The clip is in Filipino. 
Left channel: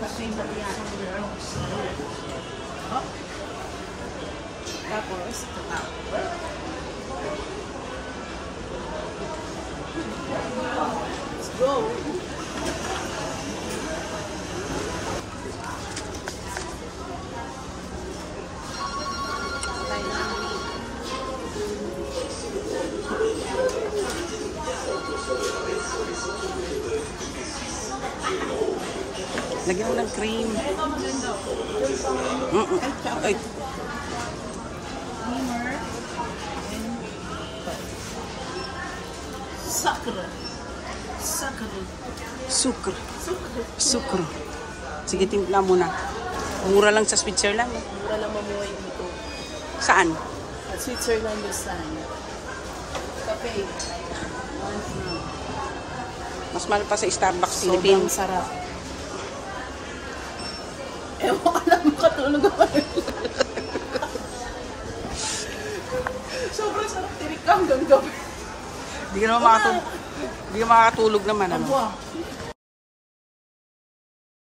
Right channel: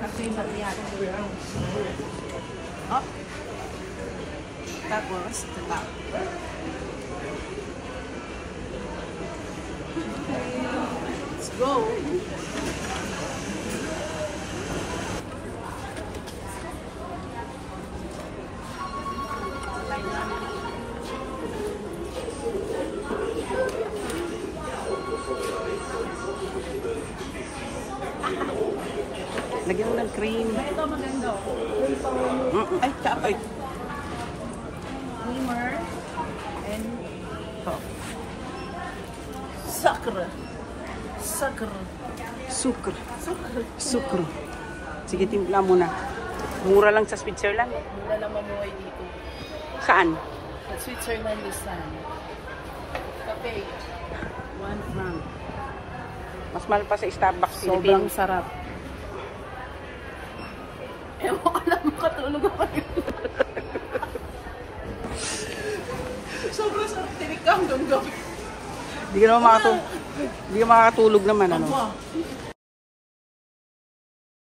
Cafe Macchiato. Oh. Tapos, ito. Let's go! Lagyan mo ng cream. Ito maganda. Ay. Creamer. And sugar. Sugar. Sugar. Sugar. Sugar. Sige, timpla mo na. Mura lang sa Switzerland. Mura lang mamuhay dito. Saan? At Switzerland this time. Cafe. Mas mahal pa sa Starbucks Sobrang Philippines. sarap. Ewan ko lang makatulog ako. Sobrang sarap tinik ka hanggang gabi. Hindi ka naman makatulog naman, ano? Wow.